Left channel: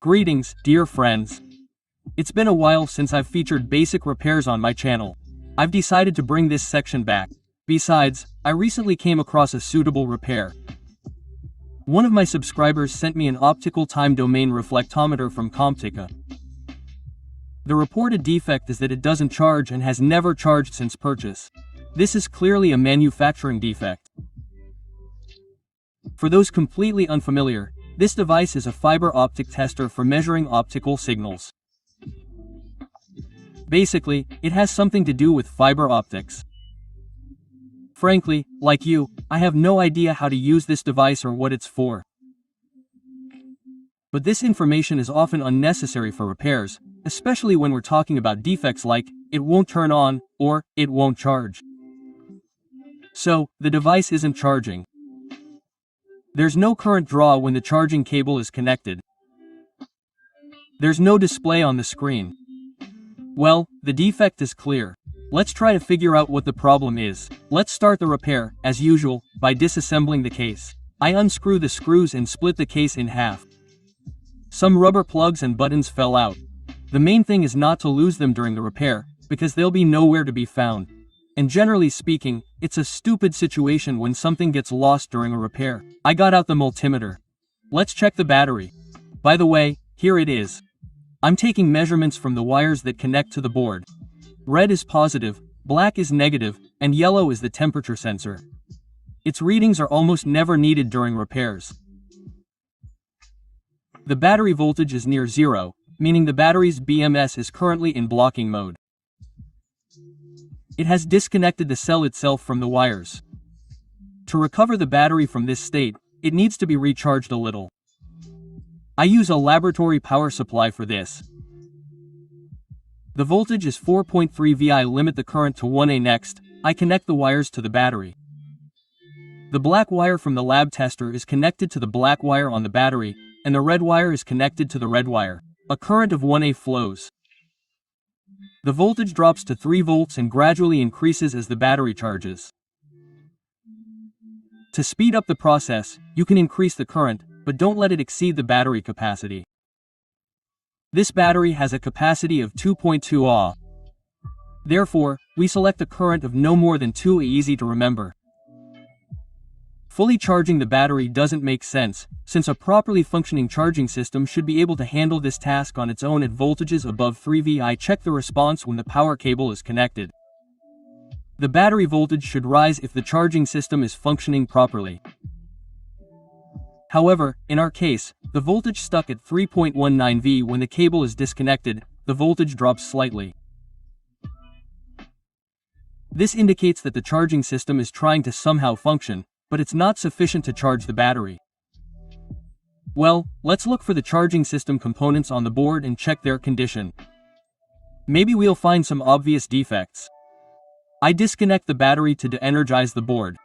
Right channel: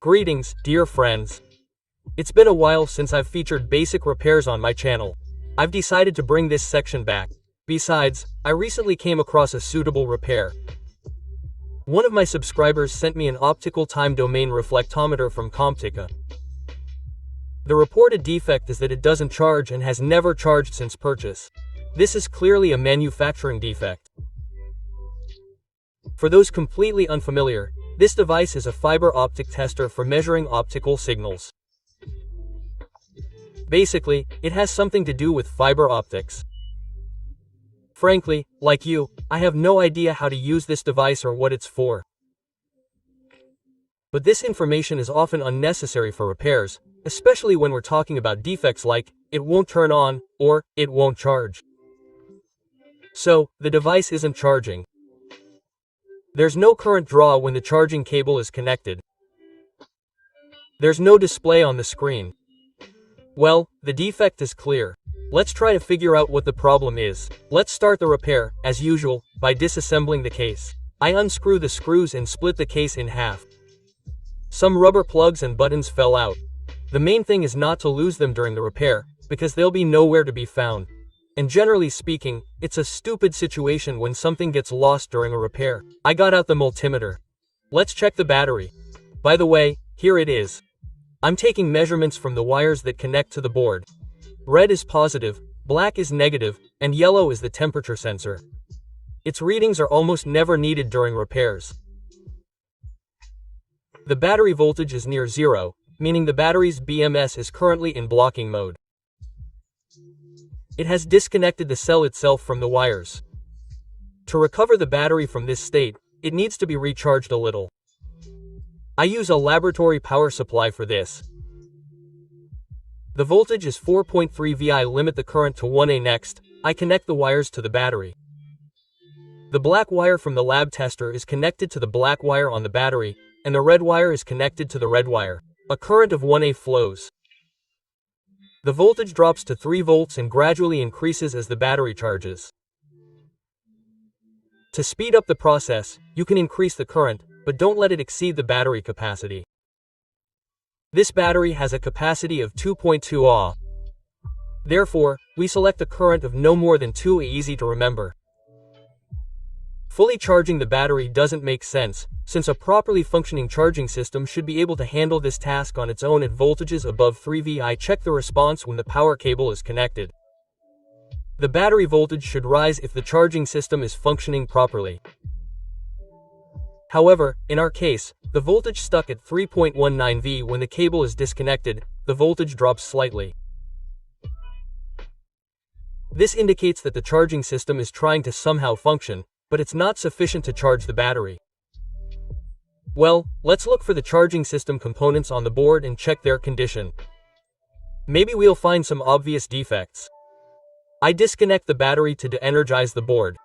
Greetings, dear friends. It's been a while since I've featured basic repairs on my channel. I've decided to bring this section back. Besides, I recently came across a suitable repair. One of my subscribers sent me an optical time domain reflectometer from COMPTYCO. The reported defect is that it doesn't charge and has never charged since purchase. This is clearly a manufacturing defect. For those completely unfamiliar, this device is a fiber optic tester for measuring optical signals. Basically, it has something to do with fiber optics. Frankly, like you, I have no idea how to use this device or what it's for. But this information is often unnecessary for repairs, especially when we're talking about defects like, it won't turn on, or, it won't charge. So, the device isn't charging. There's no current draw when the charging cable is connected. There's no display on the screen. Well, the defect is clear. Let's try to figure out what the problem is. Let's start the repair, as usual, by disassembling the case. I unscrew the screws and split the case in half. Some rubber plugs and buttons fell out. The main thing is not to lose them during the repair, because they'll be nowhere to be found. And generally speaking, it's a stupid situation when something gets lost during a repair. I got out the multimeter. Let's check the battery. By the way, here it is. I'm taking measurements from the wires that connect to the board. Red is positive, black is negative, and yellow is the temperature sensor. Its readings are almost never needed during repairs. The battery voltage is near zero, meaning the battery's BMS is currently in blocking mode. It has disconnected the cell itself from the wires. To recover the battery from this state, it needs to be recharged a little. I use a laboratory power supply for this. The voltage is 4.3 V. Limit the current to 1A. Next, I connect the wires to the battery. The black wire from the lab tester is connected to the black wire on the battery, and the red wire is connected to the red wire. A current of 1A flows. The voltage drops to 3 volts and gradually increases as the battery charges. To speed up the process, you can increase the current, but don't let it exceed the battery capacity. This battery has a capacity of 2.2 Ah. Therefore, we select a current of no more than 2 A. Easy to remember. Fully charging the battery doesn't make sense, since a properly functioning charging system should be able to handle this task on its own at voltages above 3 V. Check the response when the power cable is connected. The battery voltage should rise if the charging system is functioning properly. However, in our case, the voltage stuck at 3.19 V. When the cable is disconnected, the voltage drops slightly. This indicates that the charging system is trying to somehow function, but it's not sufficient to charge the battery. Well, let's look for the charging system components on the board and check their condition. Maybe we'll find some obvious defects. I disconnect the battery to de-energize the board,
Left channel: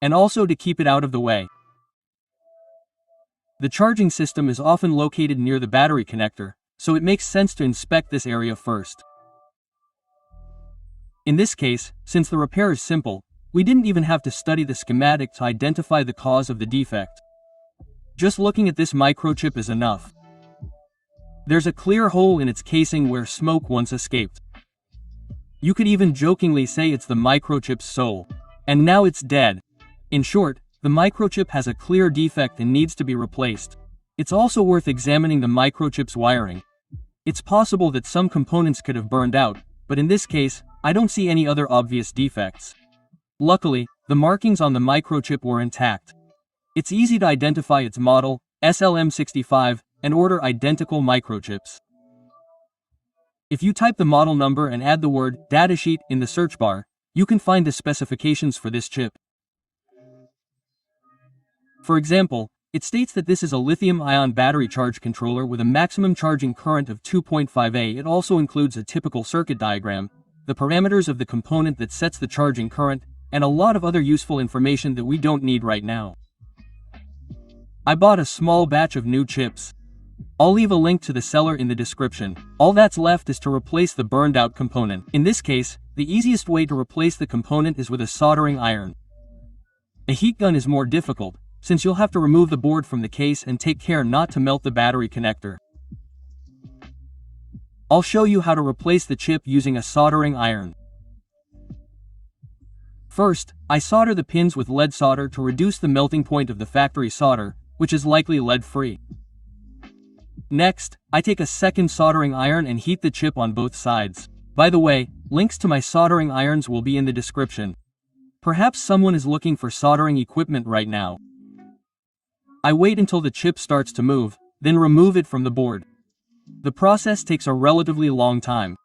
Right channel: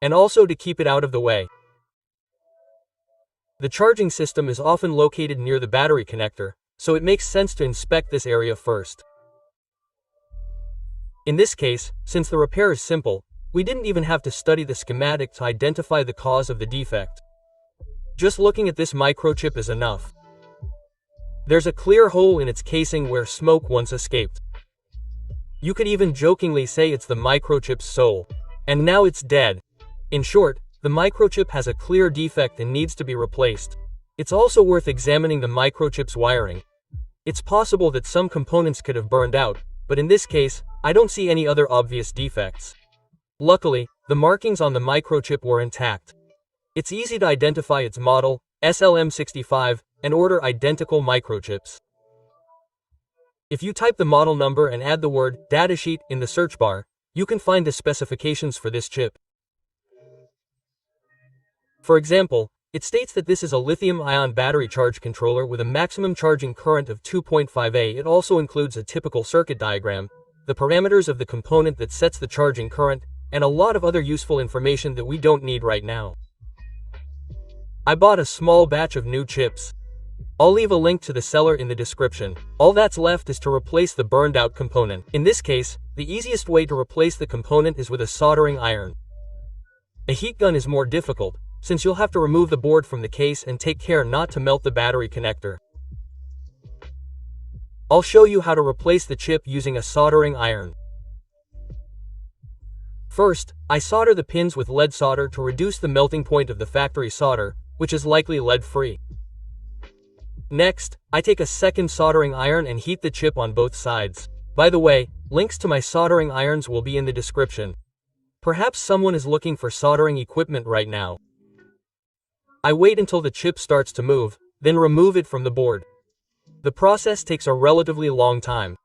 and also to keep it out of the way. The charging system is often located near the battery connector, so it makes sense to inspect this area first. In this case, since the repair is simple, we didn't even have to study the schematic to identify the cause of the defect. Just looking at this microchip is enough. There's a clear hole in its casing where smoke once escaped. You could even jokingly say it's the microchip's soul. And now it's dead. In short, the microchip has a clear defect and needs to be replaced. It's also worth examining the microchip's wiring. It's possible that some components could have burned out, but in this case, I don't see any other obvious defects. Luckily, the markings on the microchip were intact. It's easy to identify its model, SLM65, and order identical microchips. If you type the model number and add the word datasheet in the search bar, you can find the specifications for this chip. For example, it states that this is a lithium-ion battery charge controller with a maximum charging current of 2.5 A. It also includes a typical circuit diagram, the parameters of the component that sets the charging current, and a lot of other useful information that we don't need right now. I bought a small batch of new chips. I'll leave a link to the seller in the description. All that's left is to replace the burned out component. In this case, the easiest way to replace the component is with a soldering iron. A heat gun is more difficult, since you'll have to remove the board from the case and take care not to melt the battery connector. I'll show you how to replace the chip using a soldering iron. First, I solder the pins with lead solder to reduce the melting point of the factory solder, which is likely lead-free. Next, I take a second soldering iron and heat the chip on both sides. By the way, links to my soldering irons will be in the description. Perhaps someone is looking for soldering equipment right now. I wait until the chip starts to move, then remove it from the board. The process takes a relatively long time.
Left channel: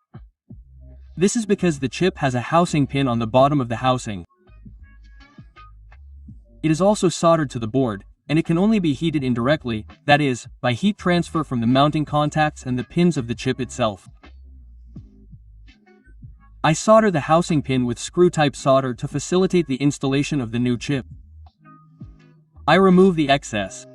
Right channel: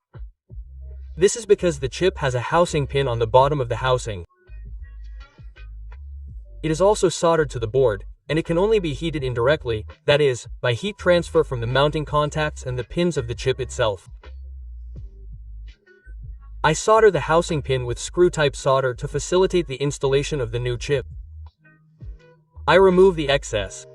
This is because the chip has a housing pin on the bottom of the housing. It is also soldered to the board, and it can only be heated indirectly, that is, by heat transfer from the mounting contacts and the pins of the chip itself. I solder the housing pin with screw-type solder to facilitate the installation of the new chip. I remove the excess.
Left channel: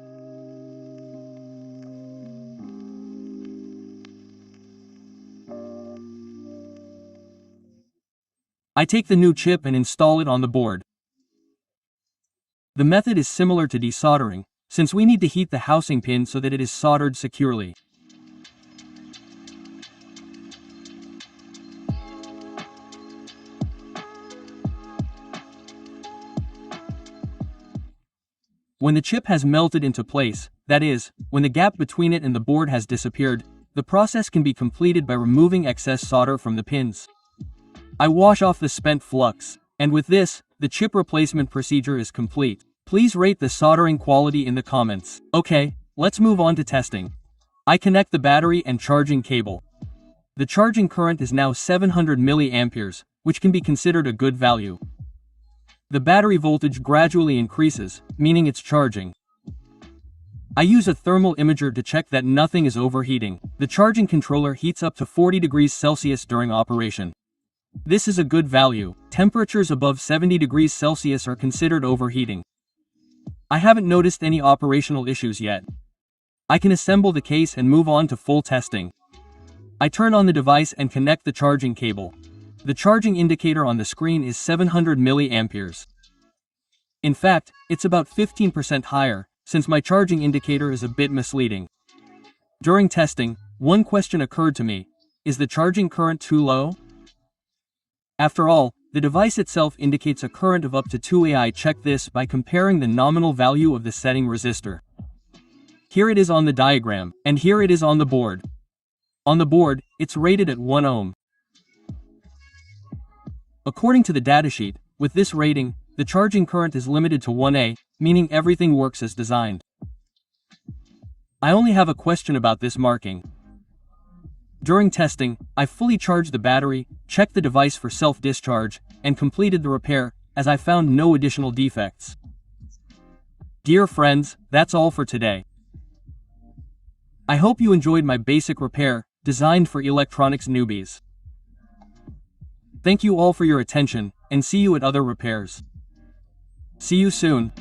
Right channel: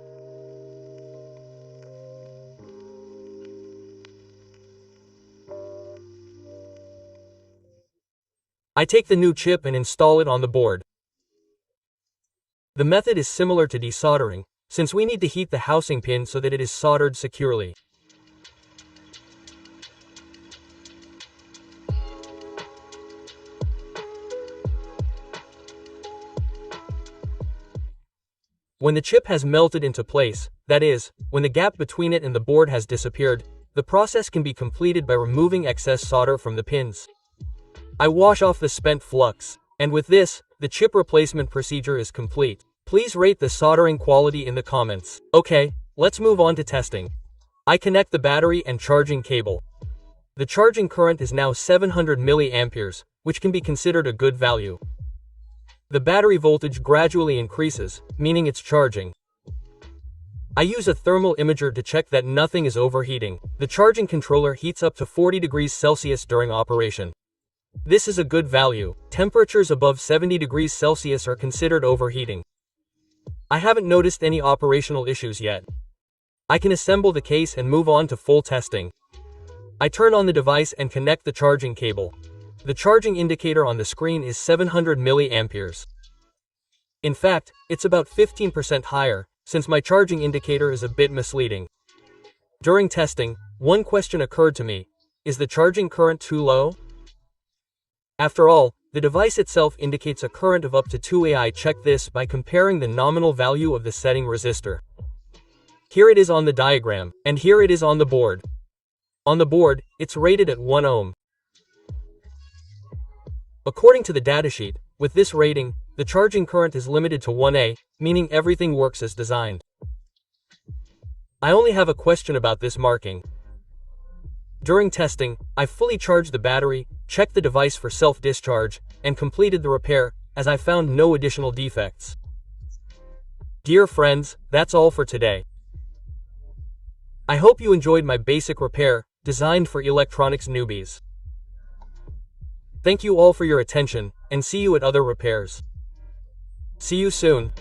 I take the new chip and install it on the board. The method is similar to desoldering, since we need to heat the housing pin so that it is soldered securely. When the chip has melted into place, that is, when the gap between it and the board has disappeared, the process can be completed by removing excess solder from the pins. I wash off the spent flux, and with this, the chip replacement procedure is complete. Please rate the soldering quality in the comments. Okay, let's move on to testing. I connect the battery and charging cable. The charging current is now 700 milliamperes, which can be considered a good value. The battery voltage gradually increases, meaning it's charging. I use a thermal imager to check that nothing is overheating. The charging controller heats up to 40 degrees Celsius during operation. This is a good value. Temperatures above 70 degrees Celsius are considered overheating. I haven't noticed any operational issues yet. I can assemble the case and move on to full testing. I turn on the device and connect the charging cable. The charging indicator on the screen is 700 milliamperes. In fact, it's about 15% higher, since my charging indicator is a bit misleading. During testing, one question occurred to me: is the charging current too low? After all, the device itself indicates a current of up to 2A. I check this by comparing the nominal value of the setting resistor. Here it is on the diagram, and here it is on the board. On the board, it's rated at 1 ohm. According to the datasheet, with this rating, the charging current is limited to 1A, meaning everything works as designed. I only have a question about this marking. During testing, I fully charged the battery, checked the device for self-discharge, and completed the repair, as I found no additional defects. Dear friends, that's all for today. I hope you enjoyed my basic repair, designed for electronics newbies. Thank you all for your attention, and see you at other repairs. See you soon.